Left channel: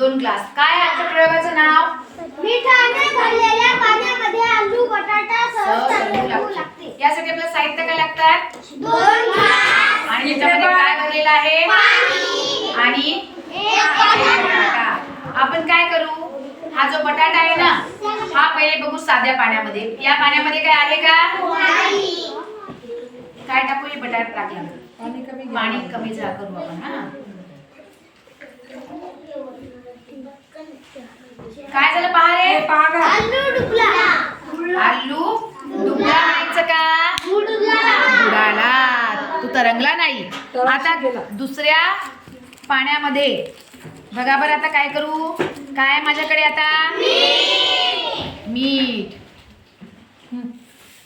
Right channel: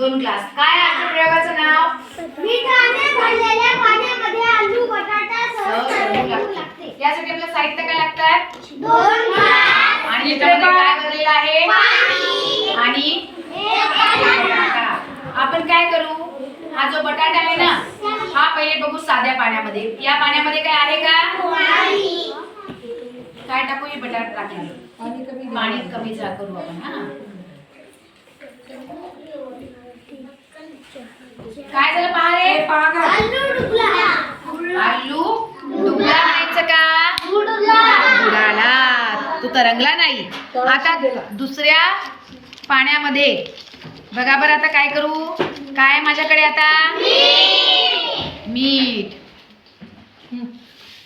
2 glass. काय आजच्या प्रयोगाचं नाव? मिठाने भरलेल्या पाण्यामध्ये आलू बटाटा सहज लागते. यासाठी आपल्याला साहित्य काय लागतात? 2 ग्लास आणि याच्यामध्ये काय भरलेलं आहे? पाणी आणि एक बटाटा. आपण काय करू? हा जो बटाटा आहे ना, हा पहिले बघू साध्या पाण्यामध्ये. या पाण्यामध्ये काय आहे का? नाही. काय टाकू? हे बटाटा टाकला. पाणी कमी जा करू आपण. हा काय झालं पहा रे? आलू डुबला. आलू डुबला म्हणायचं का? बुडाला. तू तरंगला नाही. आता दुसऱ्या पाण्यामध्ये बघा बरं. आता काय करू? काय माझ्याकडे आता? मीठ.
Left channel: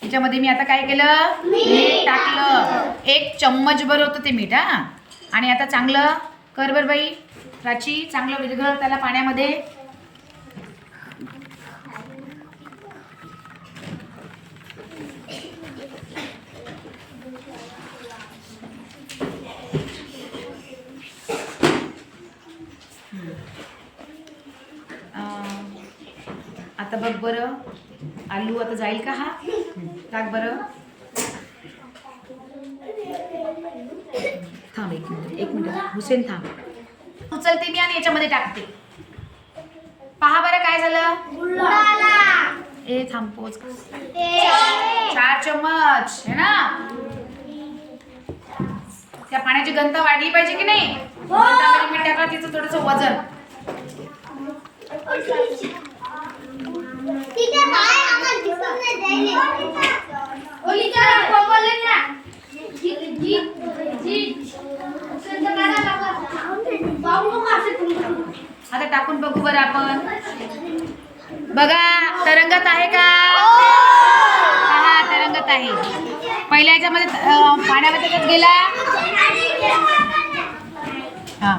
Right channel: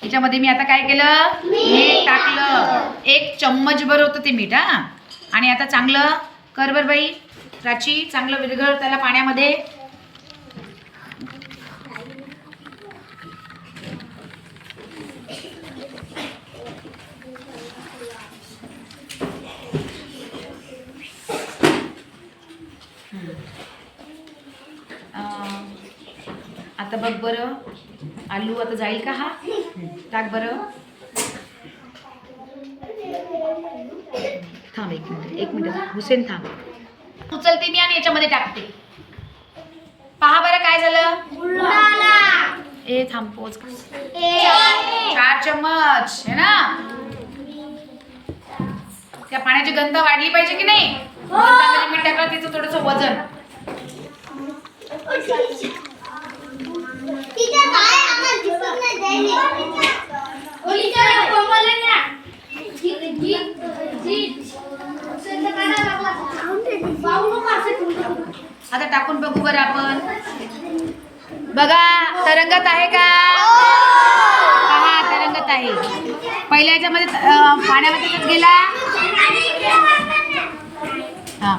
त्याच्यामध्ये मी आता काय केलं? मीठ टाकलं. 1 चम्मच भर होतं ते मीठ. हा आणि आता चांगलं कर बर बाई प्राची. चांगलं विरघळ त्याला पाण्यामध्ये. आता बघ बरं, आलू आता जाईल का? हा टाक बरं. थांब 1 मिनिट हुसेन थांब. उचलते मी आणि याच्यामध्ये टाकते. पहा बरं काय झालं? ए थांब पोच. 4 चम्मच है ना. त्या पाण्याची गंध वाढली पाहिजे की नाही? गंधामध्ये मीठ टाकलं तिचं थोडंसं वजन. आता टाकून बघू बरं आपण. बघा तरंगत आहे का? पहा तरंगत आहे. पहिल्या याच्यामध्ये पाण्यामध्ये त्यात गेला. हा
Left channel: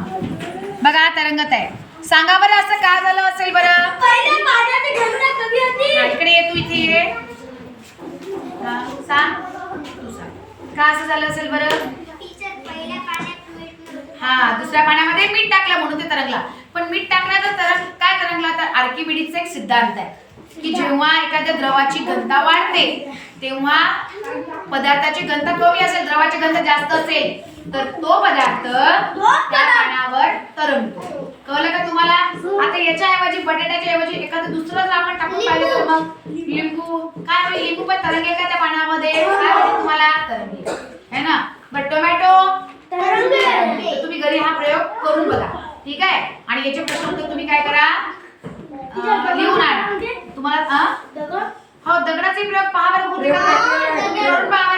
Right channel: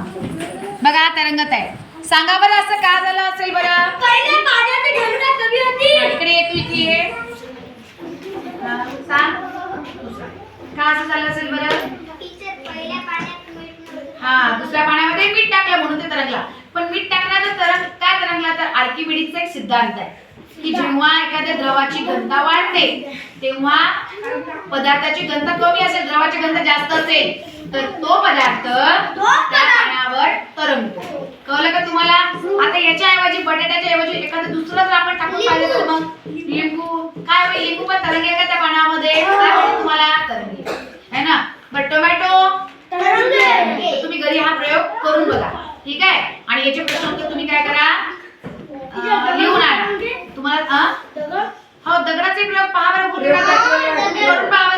बघा तरंगत आहे. सांगा बरं असं का झालं असेल बरं? इकडे ये, तू इथे ये. सांग का असं झालं असेल बरं? हा दुसऱ्या पाण्यामध्ये मीठ टाकलं म्हणून ते तरंगला. पण मीठ टाकण्याचा काय तरंगला? तर आर्किमिडीजचा एक सिद्धांत आहे की जेव्हा एखाद्या द्रवाची घनता वाढते तेव्हा पदार्थाची घनता कमी असेल, द्रवाची घनता जास्त असेल तर तो पदार्थ त्या पाण्यावर तरंगतो. कळलं का तुम्हाला? आता याच्या ऐवजी बटाट्याच्या ऐवजी एखादं दुसरं जर आपण टाकून पाहिलं तर मग लिंबू. काय होईल? लिंबू पण तरंगेल का त्या पाण्यामध्ये? काय होईल तुम्हाला? तरंगेल है ना. बट टोमॅटो तुम्ही घरी हा प्रयोग करून बघा. ठीक आहे. आणि याचे प्रश्न उत्तर तुम्ही काय करा? लिहून आणा. तुम्हाला हो दगडाचे प्रयोग पहा बरं. करून पहा.